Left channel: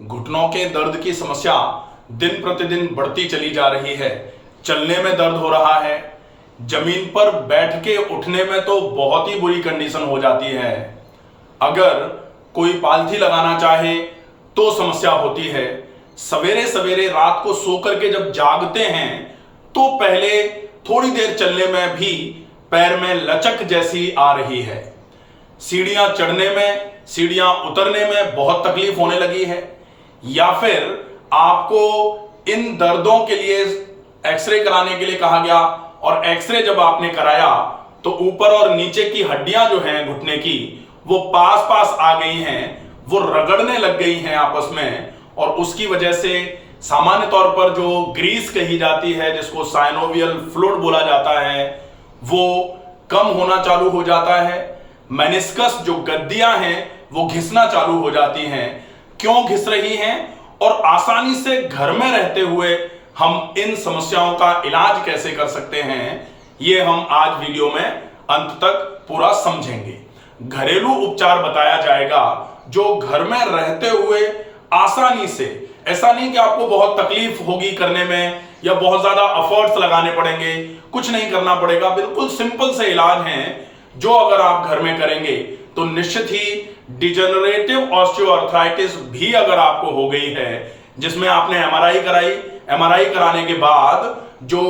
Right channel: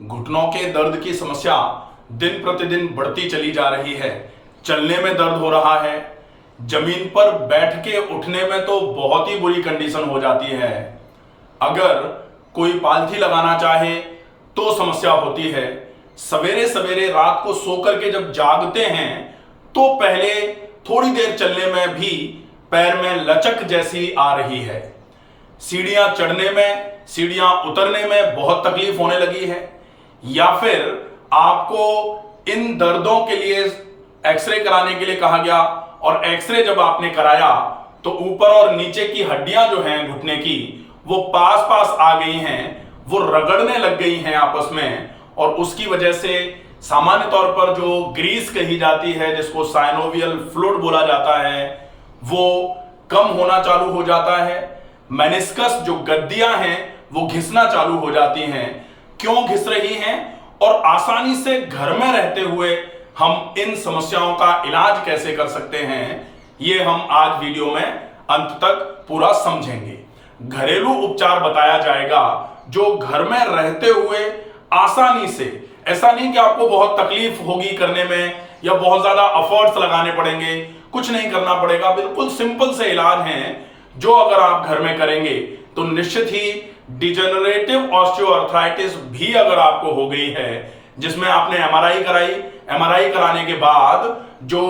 घुटनों के दर्द की समस्या दिन प्रतिदिन बढ़ती चली जा रही है। चलने में दर्द हो रहा है, जमीन पर बैठ के उठने में तो बहुत ही बुरी कंडीशन हो जाती है। अगर कोई पालथी लगाना चाहे तो समस्या होती है। सवेरे सवेरे रात को सो करके जब जागते हैं तो पहले थोड़ी देर चलने में भी पैर में लचक जैसी आ रही है। सीढ़ियां चढ़ने में, सीढ़ियां उतरने में बहुत तकलीफ होने लगी है। या फिर आपको इन दर्दों के लिए एक्सरे कराने के लिए कहा गया और एक्सरे जब आपने कराया तो ऊपर और नीचे की हड्डियां जो हैं घुटने की वो पास पास आ गई हैं, वो रगड़ने लग गई हैं आपस में, और उसकी वजह से सामान्य तौर पर जो ग्रीस कही जाती है, जिसको साइनोवियल फ्लूइड बोला जाता है, वो कम होना चालू हो जाता है। मेनिस्कस जो गद्दियां हैं वो घिसना चालू हो जाती हैं। क्यों घिस रही हैं और आसानी से घर में रहते हुए हम इन समस्याओं का इलाज कैसे कर सकते हैं, ये हम आज वीडियो में अंत तक पूरा समझेंगे। घरेलू उपचार बताया जाएगा जो घर में रहते हुए आसानी से, ऐसा नहीं कि आपको बहुत तकलीफ होगी करने में या बहुत ज्यादा एफर्ट्स लगाने पड़ेंगे, कुछ नहीं करना पड़ेगा, बिल्कुल सिंपल से इलाज हैं जो अगर आप घर में करेंगे तो निश्चित ही डिजेनरेटिव ऑस्टियोआर्थराइटिस भी अगर आपको हो गई है, जिसमें आपने एमआरआई कराई, एमआरआई कराने के बाद जो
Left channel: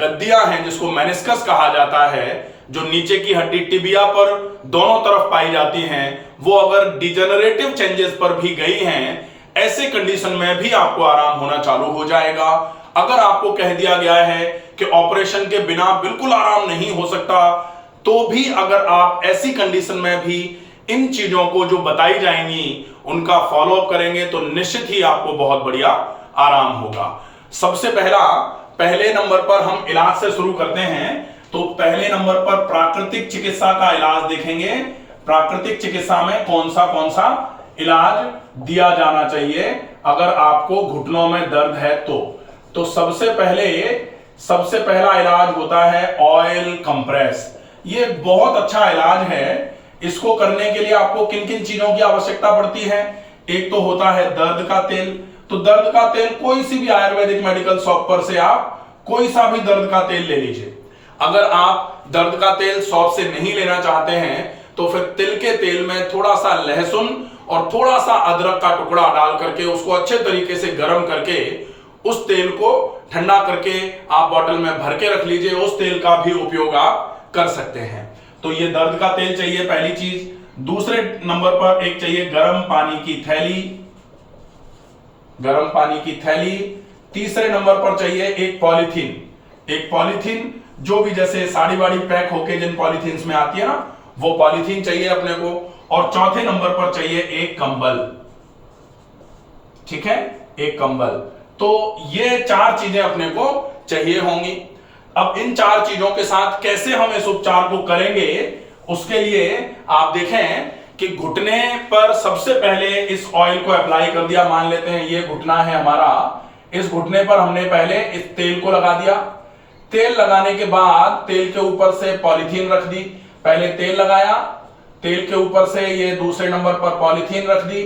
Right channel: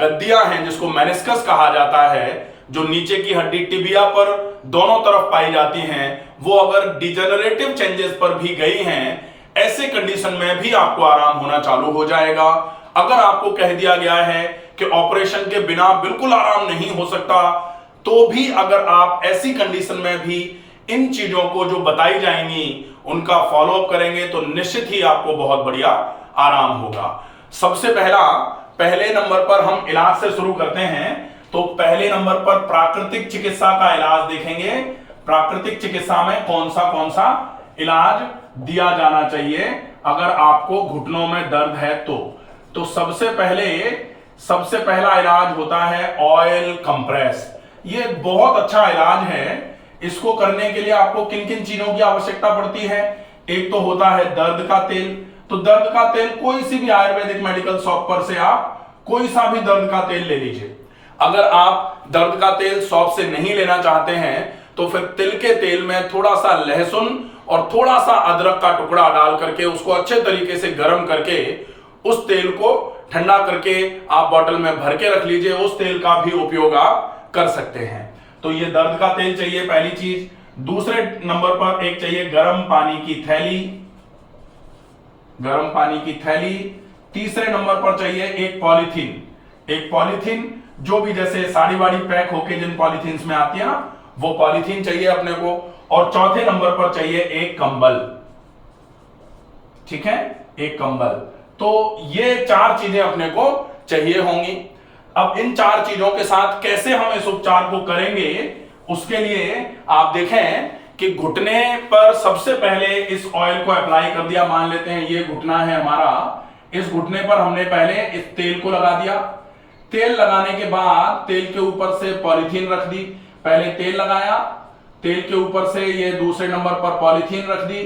गद्दियां हैं जिसको मेनिस्कस कहा जाता है, जो नीचे की हड्डी टिबिया पर दोनों तरफ पाई जाती हैं, वो अगर डिजेनरेटिव चेंजेस पर भी गई हैं, ऐसे कंडीशन में भी आपको आराम होना चालू हो जाएगा। अगर आपको कह दिया गया है कि ऑपरेशन के बिना बिल्कुल आराम नहीं हो सकता, तो भी अगर आप ऐसी कंडीशन में भी इन चीजों को जो बताई जाएंगी उनका फॉलोअप करेंगे तो निश्चित ही आपको बहुत बढ़िया आराम होगा। सबसे पहले नंबर पर हम इलाज से शुरू करते हैं। तो पहले नंबर पर प्राकृतिक चिकित्सा का इलाज देखेंगे। प्राकृतिक चिकित्सा में कौन सा इलाज दिया जाना चाहिए अगर आपको घुटनों में दर्द है तो सबसे पहला इलाज होता है ऑयल कंप्रेस। ये बहुत अच्छा इलाज है। इसको करने के लिए आपको किन किन चीजों की आवश्यकता पड़ती है? एक तो होता है दर्द का तेल। तो दर्द का तेल कोई सी भी आयुर्वेदिक मेडिकल शॉप पर से आप कोई सा भी दर्द का तेल ले लीजिए। अगर आप दर्द का तेल शॉप से नहीं लेना चाहते हैं तो फिर तिल के तेल में थोड़ा सा लहसुन और थोड़ा सा अदरक का टुकड़ा डाल करके उसको अच्छे तरीके से गर्म करके उस तेल को ठंडा करके आप बोतल में भर के रख लीजिए। उस तेल का भी उपयोग आप कर सकते हैं। तो ये दर्द का तेल चाहिए, पहली चीज। दूसरे नंबर पर एक चाहिए गर्म पानी की थैली, गर्म पानी की थैली। तीसरे नंबर पर चाहिए एक पॉलीथीन जो भी जैसे साड़ी वाड़ी पैक होके जिन पॉलीथीन्स में आती है ना, वो पॉलीथीन चाहिए अपने को। और चौथे नंबर पर चाहिए एक कंबल। ठीक है, एक कंबल। तो ये चार चीजें अपने को चाहिए होंगी। अब इन चार चीजों के साथ कैसे हम इस उपचार को करेंगे, उसके लिए आप देखें कि घुटने पर सबसे पहले इस ऑयल को अप्लाई कर दिया। मान लेते हैं ये घुटना है हमारा, इस घुटने पर हमने पहले इस तेल को लगा दिया। तेल लगाने के बाद तेल के ऊपर से पॉलीथीन रख दी। पहले तेल लगाया, तेल के ऊपर से ये दूसरे नंबर पर पॉलीथीन रख दी।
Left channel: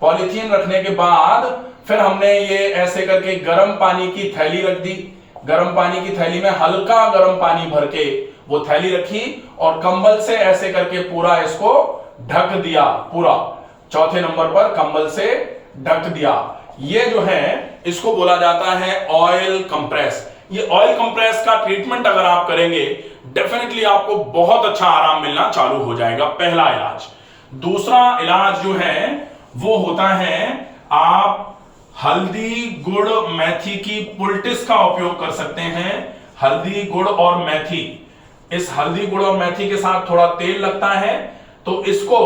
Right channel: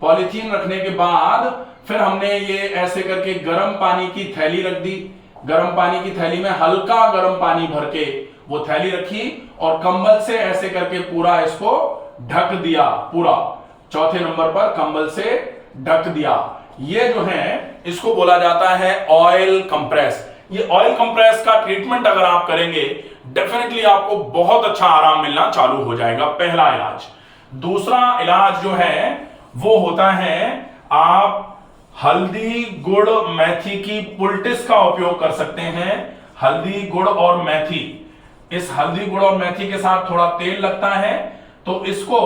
पॉलीथीन रखने के बाद फिर हमने ये ऐसे करके गर्म पानी की थैली रख दी। गर्म पानी की थैली में हल्का गर्म पानी भर के वो थैली रखी और कंबल से ऐसे करके पूरा इसको ढक दिया। पूरा चौथे नंबर पर कंबल से ढक दिया। ये जो है इसको बोला जाता है ऑयल कंप्रेस। ये ऑयल कंप्रेस का ट्रीटमेंट अगर आप करेंगे डेफिनेटली आपको बहुत अच्छा आराम मिलना चालू हो जाएगा। पहला इलाज। दूसरा इलाज जो है वो होता है, आप हल्दी गुड़ मेथी की पुलटिस का उपयोग कर सकते हैं। हल्दी गुड़ और मेथी, इस हल्दी गुड़ और मेथी के साथ थोड़ा तेल लगता है। तो इसको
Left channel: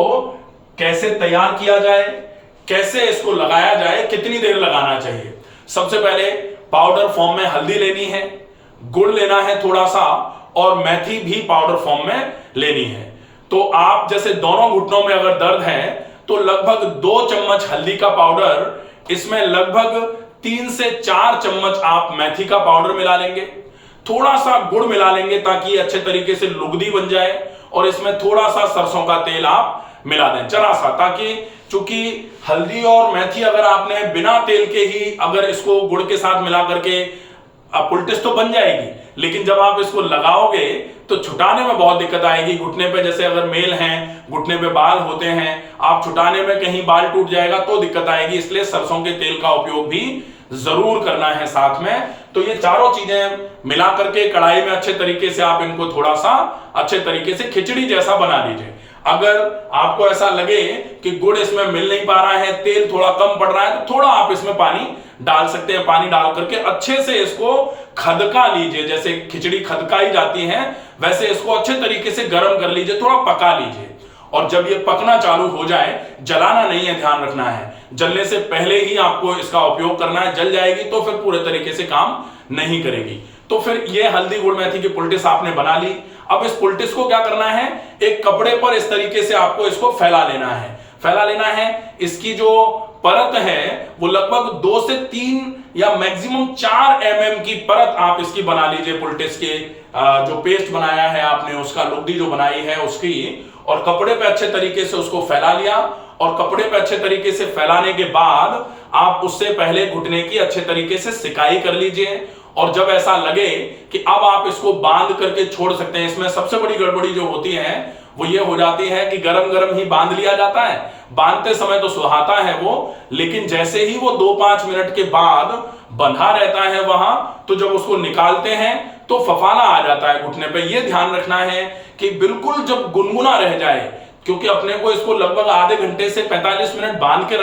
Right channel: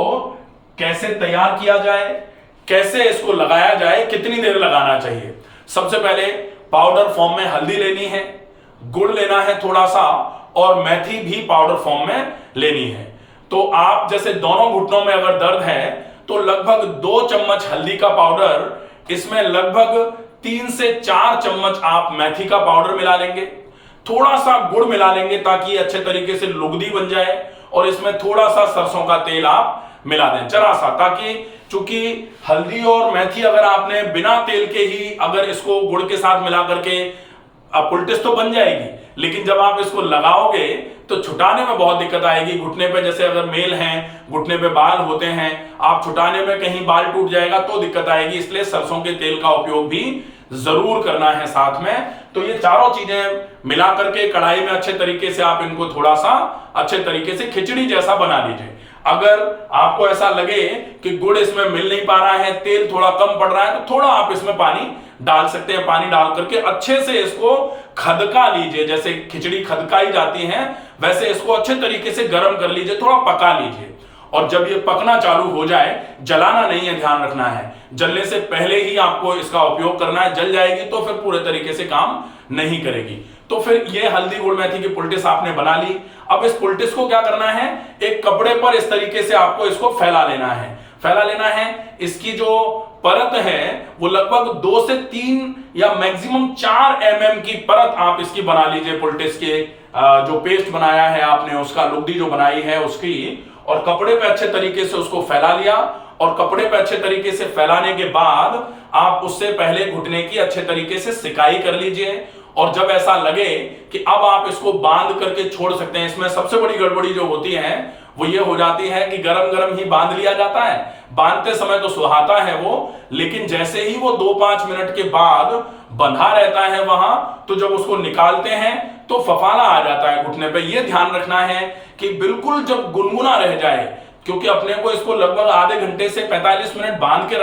कैसे तैयार किया जाए, कैसे इसको लगाया जाए, कितनी देर लगाना चाहिए? सबसे पहले पाउडर फॉर्म में हल्दी लेनी है, गुड़ लेना है थोड़ा सा, और मेथी भी पाउडर फॉर्म में लेनी है। तो आप जैसे दोनों घुटनों में अगर दर्द है तो लगभग 2 चम्मच हल्दी का पाउडर, इसमें लगभग 3 से 4 चम्मच आप मेथी का पाउडर मिला लेंगे। थोड़ा सा गुड़ मिला लेंगे ताकि अच्छे तरीके से लुगदी बन जाए, और इसमें थोड़ा सा सरसों का तेल आप मिला दें जरा सा, ताकि चूंकि हल्दी और मेथी अगर आपने बिना तेल के ही अगर इसको गुड़ के साथ मिला करके, अब पुलटिस तो बन जाएगी, लेकिन जब आप इसको लगाओगे तो छुटाने में बहुत दिक्कत आएगी। घुटने पे जैसे अगर मेल हैं, घुटने पे बाल होते हैं, आप छुटाने में कहीं बाल टूट जाएगा तो दिक्कत आएगी। इसलिए सरसों के तेल का उपयोग भी जरूर करना है साथ में। तो ये चारों चीजें मिला करके कढ़ाई में अच्छे तरीके से आप इनको थोड़ा सा अच्छे तरीके से खिचड़ी जैसा बना लीजिए। अगर आपको ऐसा लगे कि गुड़ इसमें मिल नहीं पा रहा है, तेल थोड़ा कम पड़ रहा है, तो थोड़ा आप इसमें पानी डाल सकते हैं। पानी डाल करके अच्छे से इसको खदका लीजिए, जैसे खिचड़ी खदकाई जाती है वैसे इसको अच्छे तरीके से गर्म कर लीजिए, थोड़ा पका लीजिए। और जब ये पकना चालू हो जाए, जलाना नहीं है, ध्यान रखना है, जलने से पहले ही आपको इसका उपयोग करना है। जल जाएगी तो फिर पूरे तरीके से काम नहीं करेगी। तो फिर ये हल्दी गुड़ मेथी की पुलटिस आपने बना ली। अब इस पुलटिस को क्या करना है, एक कपड़े पर इस तरीके से आपको इसको फैला लेना है। फैला लेना है, इसकी जो परत है वो लगभग 2 से 3 या मैक्सिमम 4 mm की परत आप इसकी बना लीजिए। पुलटिस के जो पेस्ट बनाया है आपने, उसका लुगदी जो बनाई है उसकी, और कपड़े पे अच्छे तरीके से उसको फैला लिया। और कपड़े पे अच्छे तरीके से फैलाने के बाद आप उससे पहले घुटने की अच्छे तरीके से सिकाई कर लीजिए। और जब ऐसा लगे कि अब आप इसको बांध करके छोड़ सकते हैं, इसमें सबसे बड़ी गड़बड़ी जो होती है वो ये हो जाती है कि गरम गरम ही बांध लिया जाता है। बांधते समय तो सुहाता है वो, लेकिन जैसे ही वो 2-5 मिनट के बाद बंधा रहता है वहां, तो जब उसको निकालते हैं तो फफाला आ जाता है घुटने पे। ये ध्यान रखना है कि बिल्कुल जब गुनगुना रह जाए, क्योंकि अपने को इसको लगभग आधे घंटे से 45 मिनट बांध के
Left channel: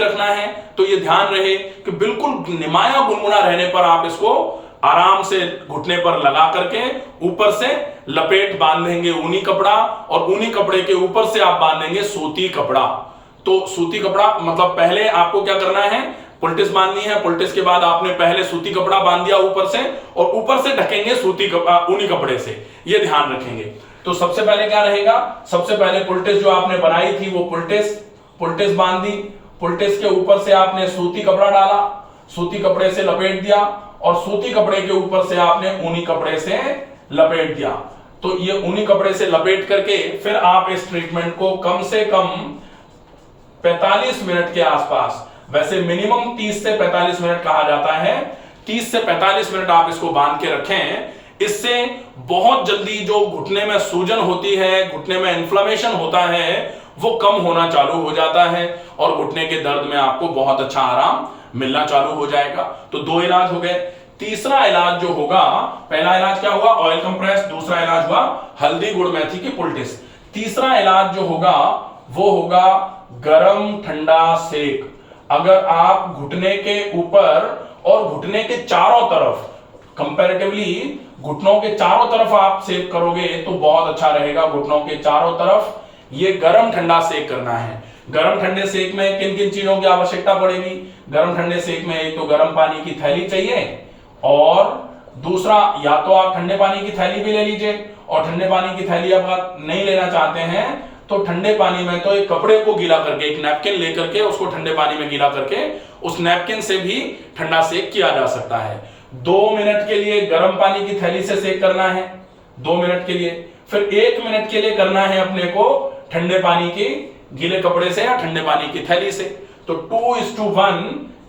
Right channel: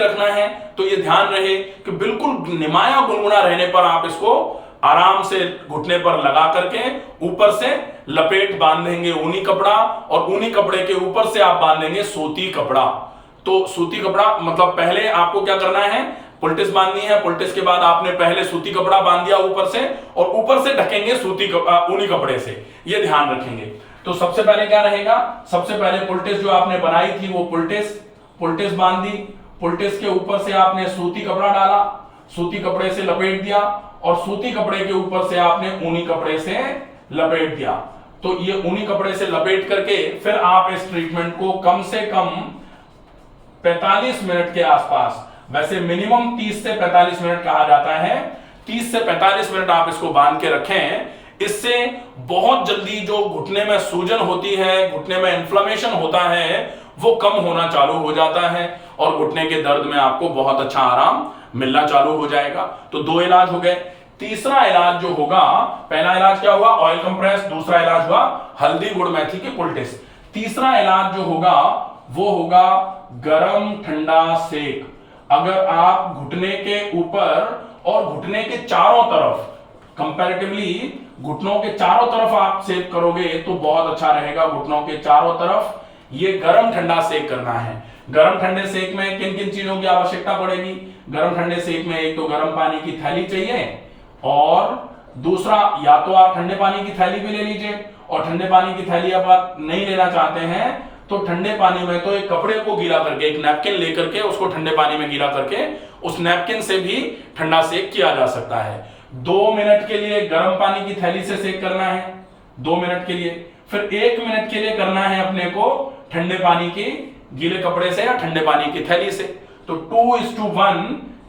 रखना है, तो ये ध्यान रहे कि बिल्कुल निमाया गुनगुना रहने पर आप इसको आराम से घुटने पर लगा करके ऊपर से लपेट बांधेंगे ऊनी कपड़ा, और ऊनी कपड़े के ऊपर से आप बांधेंगे सूती कपड़ा। तो सूती कपड़ा मतलब पहले आपको क्या करना है, पुलटिस बांधनी है, पुलटिस के बाद आपने पहले सूती कपड़ा बांध दिया ऊपर से, और ऊपर से ढकेंगे ऊनी कपड़े से, ये ध्यान रखेंगे। तो सबसे पहले क्या रहेगा, सबसे पहले पुलटिस जो आपने बनाई थी वो पुलटिस बांधी, पुलटिस के ऊपर से आपने सूती कपड़ा डाला, सूती कपड़े से लपेट दिया, और सूती कपड़े के ऊपर से आपने ऊनी कपड़े से लपेट दिया। तो ये ऊनी कपड़े से लपेट करके फिर आप इस ट्रीटमेंट को कम से कम 45 मिनट के आसपास, वैसे मिनिमम 30 से 45 मिनट कहा जाता है, 30 से 45 मिनट आप इसको बांध के रखें। इससे बहुत जल्दी जो घुटने में सूजन होती है, घुटने में इन्फ्लेमेशन होता है, वो कम होना चालू हो जाता है, और घुटने के दर्द में आपको बहुत अच्छा आराम मिलना चालू हो जाएगा। तो 2 इलाज हो गए। तीसरा इलाज जो होगा, पहला इलाज क्या हुआ, ऑयल कंप्रेस, दूसरा इलाज हुआ हल्दी गुड़ मेथी की पुलटिस। तीसरा इलाज जो होगा वो होगा गरम ठंडा सेक। अगर आप घुटने के ऊपर और घुटने के चारों तरफ, कंपैरेटिवली घुटनों के चारों तरफ आप सेक करोगे तो बहुत अच्छा रहेगा। घुटनों के चारों तरफ ये गरम ठंडा सेक करना है। गरम ठंडे सेक में किन किन चीजों की आवश्यकता पड़ेगी, गरम ठंडे सेक में एक तो गरम पानी की थैली चाहिए, और दूसरा या तो आप ठंडे पानी की थैली भी ले लीजिए, और ठंडे पानी की थैली अब आप नहीं लेना चाहते हैं तो ठंडे पानी में तो एक कपड़े को गीला करके, एक नैपकिन लेकर के उसको ठंडे पानी में गीला करके उस नैपकिन से भी ठंडा सेक किया जा सकता है। 2 मिनट के लिए गर्म पानी की थैली से सेक करना है, 2 मिनट के लिए। फिर 1 मिनट के लिए करना है अपने को ठंडे पानी के गीले कपड़े से या ठंडे पानी की थैली से। तो 2:1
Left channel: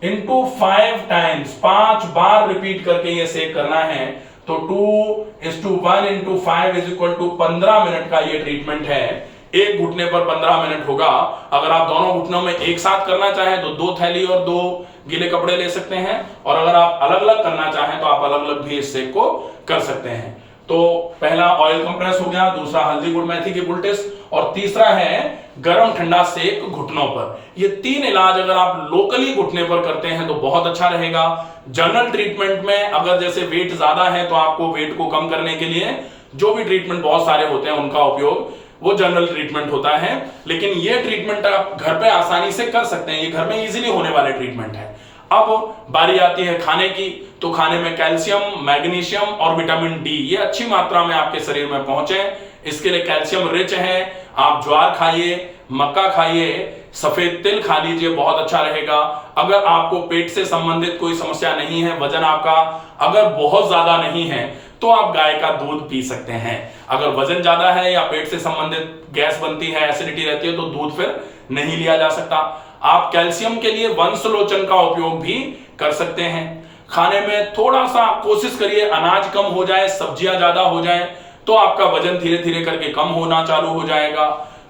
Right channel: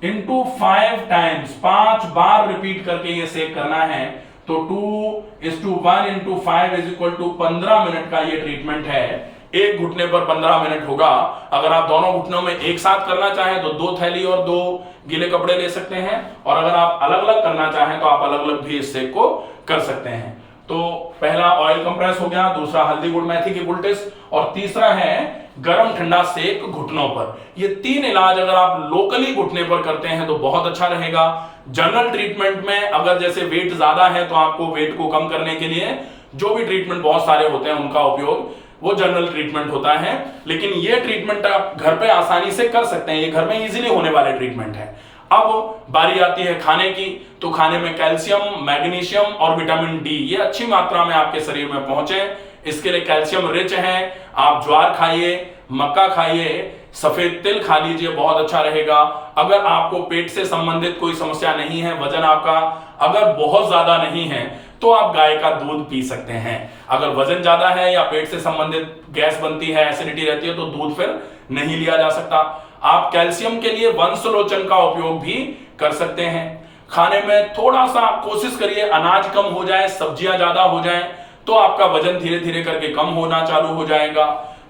into 5 टाइम्स, 5 बार रिपीट करके ये सेक करना है। तो 2:1 into 5 is equal to 15 minute का ये ट्रीटमेंट है। एक घुटने पर 15 मिनट होगा। अगर आप दोनों घुटनों में एक साथ करना चाहें तो 2 थैली और 2 गीले कपड़े ले सकते हैं, और अगर आप अलग अलग करना चाहें तो आप अलग अलग भी इस सेक को कर सकते हैं। तो पहला ऑयल कंप्रेस हो गया, दूसरा हल्दी गुड़ मेथी की पुलटिस, और तीसरा है गरम ठंडा सेक घुटनों पर। ये 3 इलाज अगर आप लोकली घुटने पर करते हैं तो बहुत अच्छा रहेगा। जनरल ट्रीटमेंट में अगर जैसे वेट ज्यादा है तो आपको वेट को कम करने के लिए जो भी ट्रीटमेंट बहुत सारे होते हैं उनका उपयोग वो जनरल ट्रीटमेंट होता है, लेकिन ये ट्रीटमेंट आप घर पे आसानी से कर सकते हैं, ये घर में इजीली होने वाले ट्रीटमेंट है। अब बारी आती है खाने की, तो खाने में कैल्शियम, मैग्नीशियम और विटामिन डी ये अच्छी मात्रा में आपके शरीर में पहुंचे, इसके लिए कैल्शियम रिच है। आप ज्वार खाइए, मक्का खाइए, सफेद तिल खा लीजिए, बहुत अच्छा रहेगा। अगर आपको पेट से संबंधित कोई समस्या नहीं है, वजन आपका अगर बहुत ज्यादा नहीं है, तो आप गाय का दूध पी सकते हैं। अगर वजन ज्यादा है या पेट से संबंधित गैस बनती है, एसिडिटी रहती है, तो दूध फिर नहीं लिया जा सकता। आप कैल्शियम के लिए वंशलोचन का उपयोग भी कर सकते हैं। खाने में थोड़ा सा कोशिश करिए अनाज कम हो जाए, सब्जियां ज्यादा हो जाए, तो आपका वजन धीरे धीरे करके कम होना चालू हो जाएगा।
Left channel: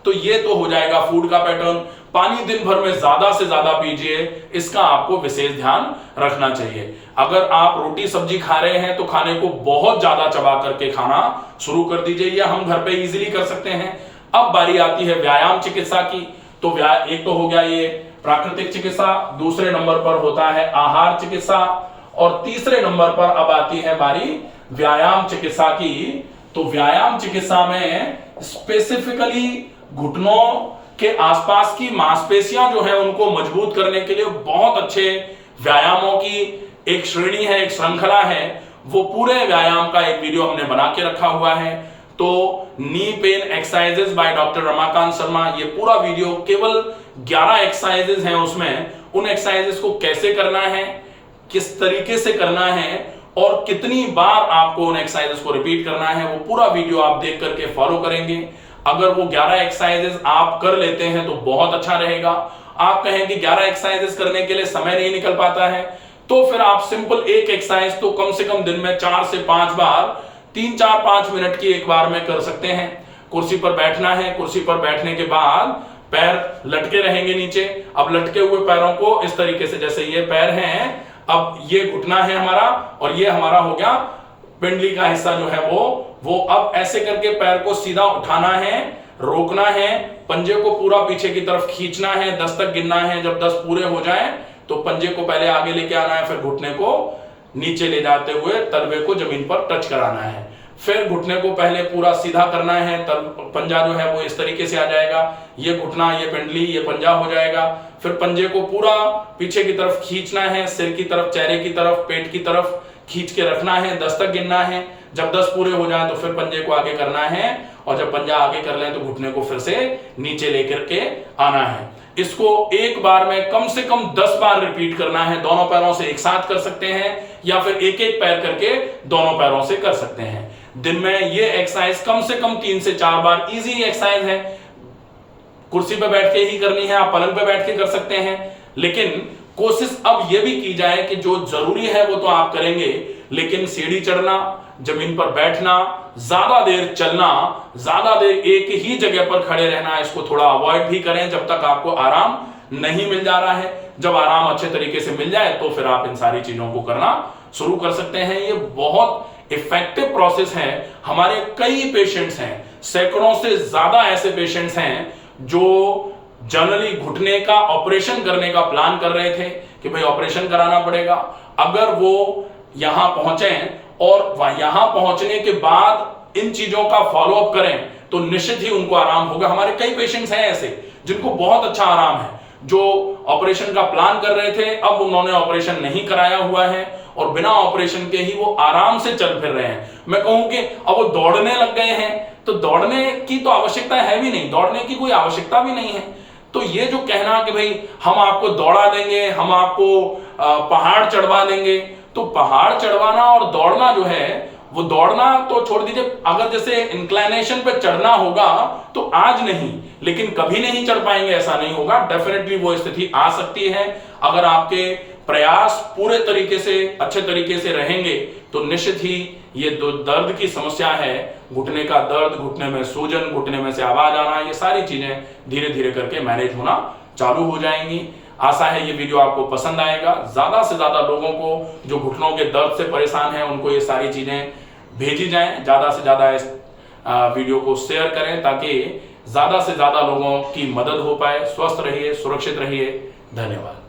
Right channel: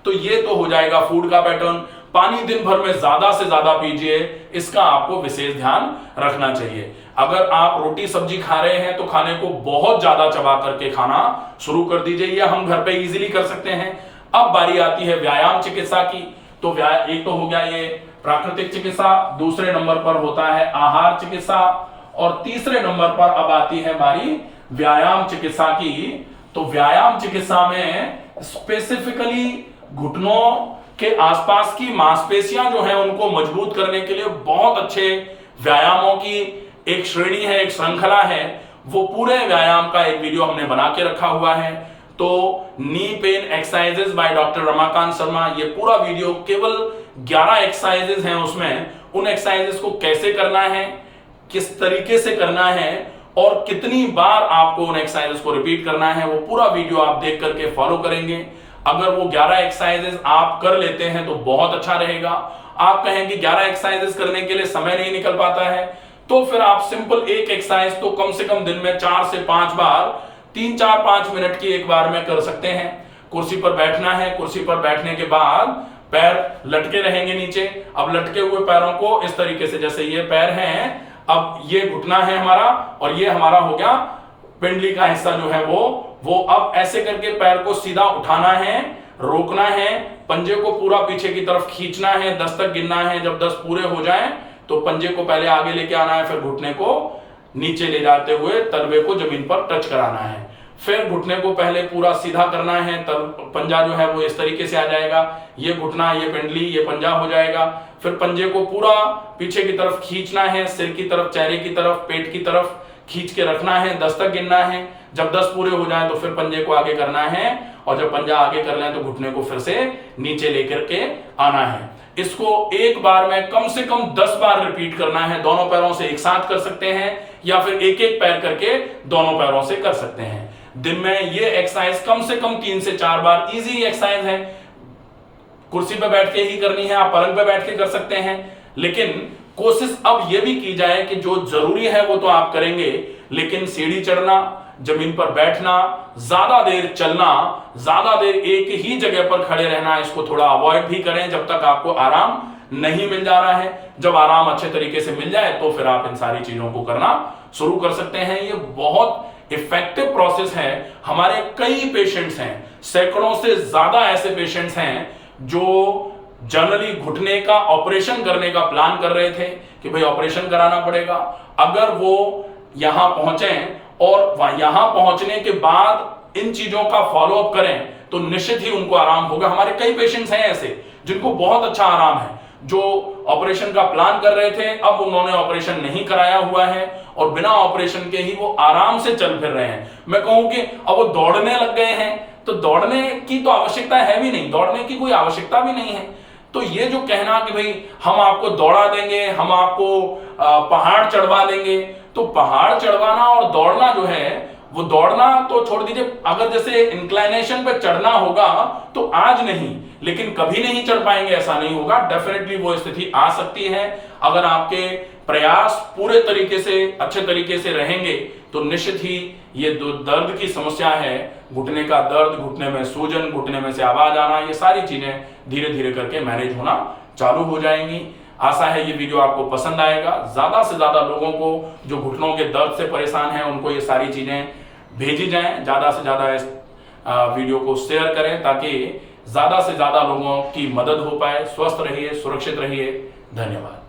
तो ये तो हो जाएगा फूड का पैटर्न। पानी दिन भर में ज्यादा से ज्यादा पीजिए, इसका आपको विशेष ध्यान रखना चाहिए। अगर आप रोटी सब्जी खा रहे हैं तो खाने को बहुत ज्यादा चबा करके खाना शुरू कर दीजिए। ये हम घर पे इजीली कर सकते हैं। अब बारी आती है व्यायाम चिकित्सा की। तो एक तो हो गया ये प्राकृतिक चिकित्सा, दूसरे नंबर पर होता है आहार चिकित्सा, और तीसरे नंबर पर अब आती है बारी व्यायाम चिकित्सा की। तो व्यायाम चिकित्सा में स्पेसिफिकली घुटनों के आसपास की मांसपेशियां जो है उनको मजबूत करने के लिए बहुत अच्छे व्यायामों की एक श्रेणी है, एक श्रृंखला है। वो पूरे व्यायाम का एक वीडियो हमने बना के रखा हुआ है। तो knee pain exercises by doctor Ramakant Sharma, ये पूरा वीडियो केवल 11 एक्सरसाइजेस हैं। उसमें उन एक्सरसाइजेस को कैसे करना है, किस तरीके से करना है और कितनी बार आपको उन एक्सरसाइजेस को रिपीट करना है, वो पूरा वीडियो आप देख करके फॉलो करेंगे। अगर वो 11 एक्सरसाइजेस आप कर लेते हैं तो बहुत अच्छा रहेगा। आप कहें कि 11 एक्सरसाइजेस करने के लिए समय नहीं निकल पाता है, तो फिर आप सिंपल एक एक्सरसाइज तो कम से कम दिन में 4 से 5 बार 3-4-5 मिनट की एक बार में कर सकते हैं। कुर्सी पर बैठना है, कुर्सी पर बैठने के बाद पैर लटके रहेंगे नीचे। अब लटके हुए पैरों को इस तरीके से, जैसे ये पैर हैं, अब ये घुटना है हमारा और ये हमारा हो गया पिंडली का हिस्सा जो है वो अब ऐसे करके पैर को सीधा उठाना है, रोकना है, पंजे को पूरा पीछे की तरफ खींचना है, 10 तक गिनना है। जब 10 पूरे हो जाएं तो पंजे को पहले आगे लेके आना है, फिर घुटने को नीचे ले जाते हुए तलवे को जमीन पर टच कराना है। फिर घुटने को पहले पूरा सीधा करना है, पंजा जो है वो इस तरीके से आ जाएगा। ये घुटना, ये पिंडली, ये पंजा हो जाएगा। फिर पंजे को पूरा पीछे की तरफ खींचना है, सिर की तरफ, चेहरे की तरफ, पेट की तरफ खींच के रखना है, 10 तक गिनना है। जब 10 पूरे हो जाए तो फिर पंजे को आगे करना है, और जब पंजा आगे कर लें तो घुटने को फिर से नीचे लेकर के आना है। इसको एक बार में कम से कम 10 बार रिपीट करना है। दोनों पैरों से एक साथ कर सकते हैं या फिर एक एक पैर करके दोनों पैरों से कर सकते हैं। दिन में ये एक्सरसाइज कम से कम 3 से 4 बार, इजी एक्सरसाइज है। कुर्सी पे बैठ के ही करनी है, आप पलंग पे बैठ के कर सकते हैं, लेकिन कोशिश अब यह भी की जाए कि जो जरूरी है वो तो आप करेंगे, लेकिन सीढ़ी चढ़ना, जमीन पर बैठना, ज्यादा देर चलना, ज्यादा देर एक ही जगह पर खड़े रहना, इसको थोड़ा अवॉइड भी करें जब तक आपको आराम नहीं मिल जा रहा है। जब आराम अच्छे तरीके से मिल जाए तो फिर आप इन सारी चीजों को करना शुरू कर सकते हैं। ये बहुत इफेक्टिव प्रोसेस है। हमारे कई पेशेंट्स हैं, सैकड़ों से ज्यादा ऐसे पेशेंट्स हैं जो जनरली घुटने का ऑपरेशन करने का प्लान कर रहे थे कि भाई ऑपरेशन कराना पड़ेगा। अगर वो यहां पहुंचे और यहां पहुंचने के बाद इन चीजों का फॉलो अप करें तो निश्चित ही उनको आराम होगा। हमारे कई पेशेंट्स हैं ऐसे जिनको बहुत अच्छा आराम है, जो ऑपरेशन का प्लान कर रहे थे, अब उन्होंने ऑपरेशन नहीं कराया हुआ है और बिना ऑपरेशन के ही वो आराम से चल फिर रहे हैं। मैं कहूं कि अब वो दौड़ने लग गए हैं, तो दौड़ने की तो आवश्यकता है भी नहीं, दौड़ने की कोई आवश्यकता भी नहीं है। तो ये जो कहना कि भाई हम आपको दौड़ा देंगे, हम आपको पहाड़ चढ़वा देंगे, तो पहाड़ चढ़वाना और दौड़ना जो है, वो दौड़ना तो छोड़ दीजिए, अगर जैसे इंक्लाइनेशन पे चढ़ना होगा तो आज नहीं, लेकिन कभी नहीं चढ़ पाएंगे ऐसा नहीं होगा। डेफिनेटली वो स्थिति आ सकती है। अगर आपके प्रयास पूरे तरीके से, अच्छे तरीके से रहेंगे तो निश्चित ही ये दर्द की समस्या है, घुटने का दर्द, घुटने में सूजन, घुटने में से आवाज आना, ये सारी चीजें धीरे धीरे करके मैनेज होना चालू हो जाएंगी। आशा है ये वीडियो आपको पसंद आएगा। ज्यादा से ज्यादा लोगों को जो घुटनों के दर्द से परेशान हैं उनको ये सारी चीजें भेजी जाएं। ज्यादा से ज्यादा इस वीडियो को शेयर करें ताकि ज्यादा से ज्यादा लोगों की मदद हो पाए। स्वस्थ रहिए, सुरक्षित रहिए। धन्यवाद।